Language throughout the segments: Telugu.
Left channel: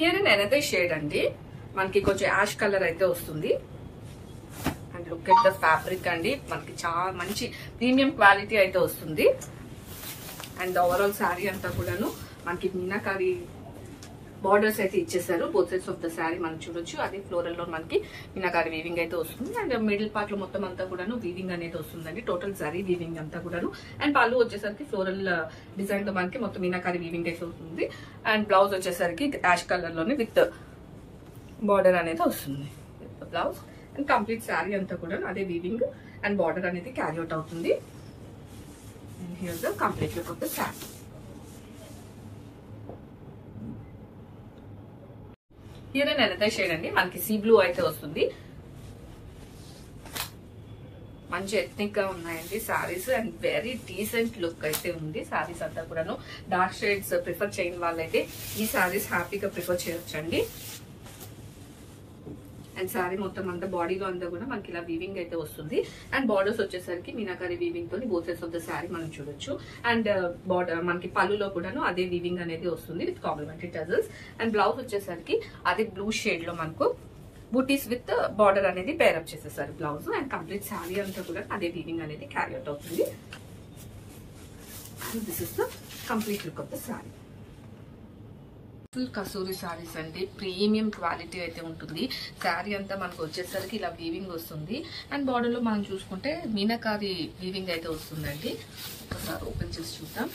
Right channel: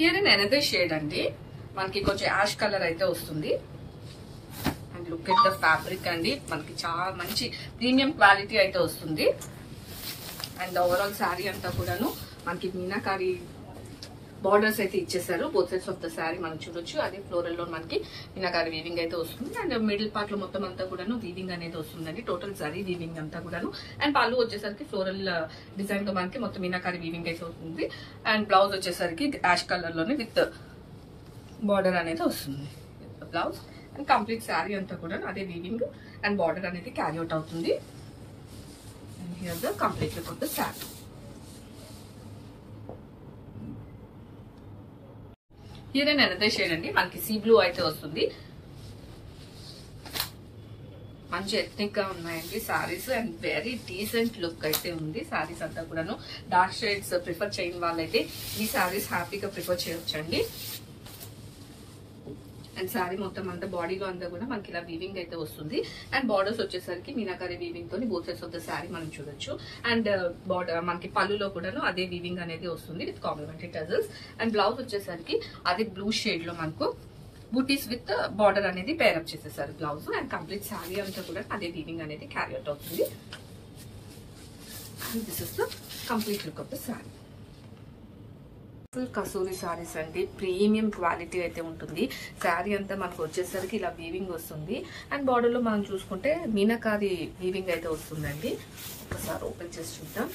హియర్ ఇన్ అనదర్ షేడ్ అండి, మనకి కొంచెం యాష్ కలర్ అయితే వస్తుంది. And look at the fabric అండి, మనకి చాలా మంచి ప్రీమియం క్వాలిటీ అయితే వస్తుంది. అండ్ ఓవరాల్ శారీ అంతా కూడాను మనకి మీనాకారి బార్డర్స్ అయితే ఇచ్చేసారు. Both sides of the sari మనం చూడొచ్చు. అదే ఫ్లోరల్ లో మనకి మీనాకారి వీవింగ్ అయితే వస్తుంది. అండ్ మిడిల్ పార్ట్ లో మొత్తం అంతా కూడాను వీవింగ్ అనేది వస్తుందండి. టోటల్ జరీ వీవింగ్ అంతా కూడాను. అండ్ పళ్ళు వచ్చేసరికి ఫ్లోరల్ డిజైన్ తో మనకి మొత్తం మీనాకారి వీవింగ్ అయితే వస్తుంది. అండ్ బ్లౌజ్ వచ్చేసరికి యాష్ కలర్ లోనే విత్ బార్డర్ అనేది వస్తుంది. బ్లౌజ్ అండ్ కంప్లీట్ శారీ అంతా కూడా అదే వీవింగ్ అండ్ బార్డర్ అనేది క్యారీ అవుట్ అవుతుంది. And here the complete look of the sari. Here and another shade అండి, మనకి సీ బ్లూ అయితే వస్తుంది. మంచి ఎథ్నిక్ గా ఉన్నాయండి saris and very decent look అయితే ఉంది. సారీస్ అంతా కూడాను డార్క్ షేడ్స్ ప్రిఫర్ చేయని వాళ్ళైతే ఈ సారీస్ హ్యాపీగా ప్రిఫర్ చేయొచ్చండి. అండ్ శారీ మొత్తం అంతా బాడీలో అంతా కూడా మనకి ఇలా వీవింగ్ అయితే వస్తుంది. అండ్ బార్డర్స్ వచ్చేసరికి మీనాకారి వీవింగ్ తోని both sides of the sari మనం చూడొచ్చు. అండ్ బార్డర్ మనకి పళ్ళులో కూడాను అదే వీవింగ్ అనేది వస్తుంది with complimentary tassels. And blouse వచ్చేసరికి అదే బ్లూ షేడ్ లో మనకు బూటీస్ విత్ బార్డర్ అనేది పేరప్ చేసేసారు బ్లౌజ్. అండ్ కంప్లీట్ శారీ అంతా కూడా అదే వీవింగ్ అనేది క్యారీ అవుట్ అవుతుంది. And this is the complete look of the sari. Full kasuri saris అండి, ప్రీమియం క్వాలిటీ అయితే ఉంటుంది. శారీ అంతా మనకు వచ్చేసరికి ఇలా వీవింగ్ వస్తుంది. అండ్ బార్డర్ లో మనం చూసుకుంటే మీనాకారి వీవింగ్ అయితే వస్తుందండి. ఒకసారి ఓపెన్ చేసి చూద్దాం.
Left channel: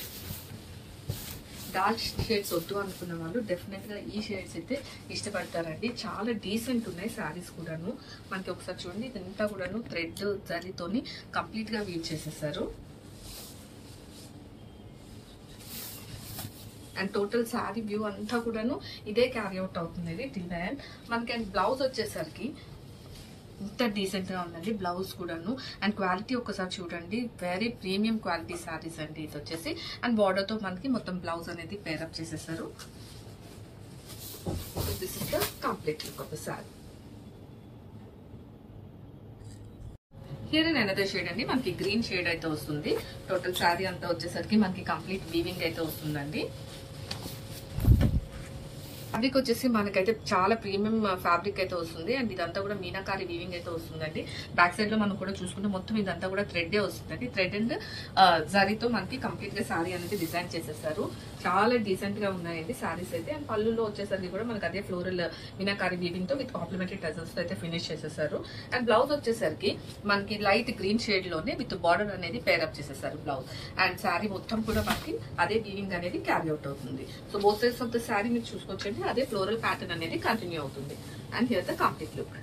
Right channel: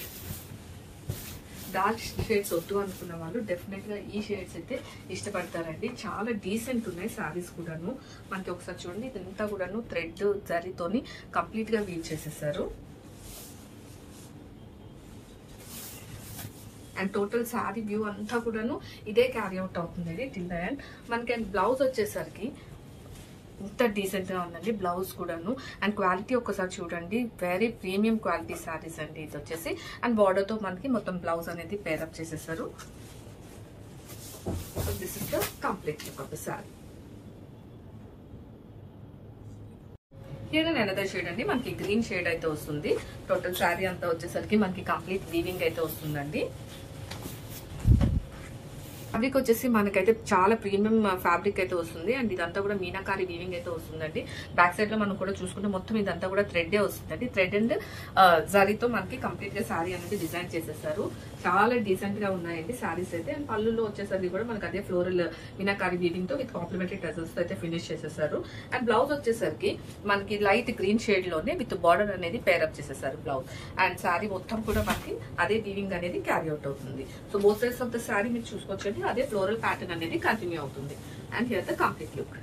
డార్క్ షేడ్స్ వద్దు అనుకున్న వాళ్ళు డెఫినెట్ గా ఈ షేడ్స్ అయితే ఇష్టపడతారండి. చాలా డీసెంట్ ఉన్నాయి సారీస్ కూడాను. మనకి ఒకసారి చూడండి, ఇదంతా కూడాను థ్రెడ్ జరీతోని కంప్లీట్ గా వీవ్ చేసేసారు. అండ్ టోటల్ శారీ వ్యూ అంతా కూడాను ఇదే క్యారీ అవుట్ అవుతుంది ఇది టిల్ ద ఎండ్. మనకి అండ్ బ్లౌజ్ వచ్చేసరికి ఇంత డీసెంట్ గా ఉందండి బ్లౌజ్ కూడాను. అండ్ క్వాలిటీ ఒక్కసారి చూడండి, వెరీ ప్రీమియం క్వాలిటీ శారీస్ అండి ఇది వచ్చేసి. అండ్ బార్డర్ తో మనకి మొత్తం బ్లౌజ్ అనేది పేరప్ చేసేసారు. This is the complete look of the sari. Here and another shade అండి, మనకి గ్రీన్ షేడ్ అయితే వస్తుంది. టోటల్ శారీ అంతా వచ్చేసరికి మనకి కంప్లీట్ వీవింగ్ అయితే వస్తుందండి. ఫ్యాబ్రిక్ వచ్చేసి మనకైతే చాలా ప్రీమియం ఫ్యాబ్రిక్ అయితే వస్తుంది. అండ్ ఇదంతా కూడా మీనాకారి వీవింగ్ అయితే వస్తుందండి. బ్యాక్ సైడ్ లో మనం కూడా చూసుకుంటే మొత్తం ఇదంతా కూడా థ్రెడ్ వస్తుందండి. థ్రెడ్ అండ్ జరీతో మనకి కంప్లీట్ గా శారీ అనేది డిజైన్ చేసేసారు. చాలా డీసెంట్ గా ఉన్నాయండి శారీస్ అయితే. అండ్ పళ్ళులో వచ్చేసరికి కూడా మనకి అదే ఫ్లోరల్ మీనాకారి వీవింగ్ తో విత్ కాంప్లిమెంటరీ టజల్స్ తో అయితే ఫినిష్ చేసేసారు. అండ్ బ్లౌజ్ వచ్చేసరికి మనకి లైట్ గ్రీన్ షేడ్ లోనే విత్ బార్డర్ అనేది పేరప్ చేసేసారు బ్లౌజ్. అండ్ శారీ మొత్తం కూడా మనకి అదే వీవింగ్ అనేది క్యారీ అవుట్ అవుతుంది. So both sides of the sari మీరు చూసుకోవచ్చండి, అదే ఫ్లోరల్ ప్యాటర్న్ అనేది కంటిన్యూ అవుతుంది. And here the complete look.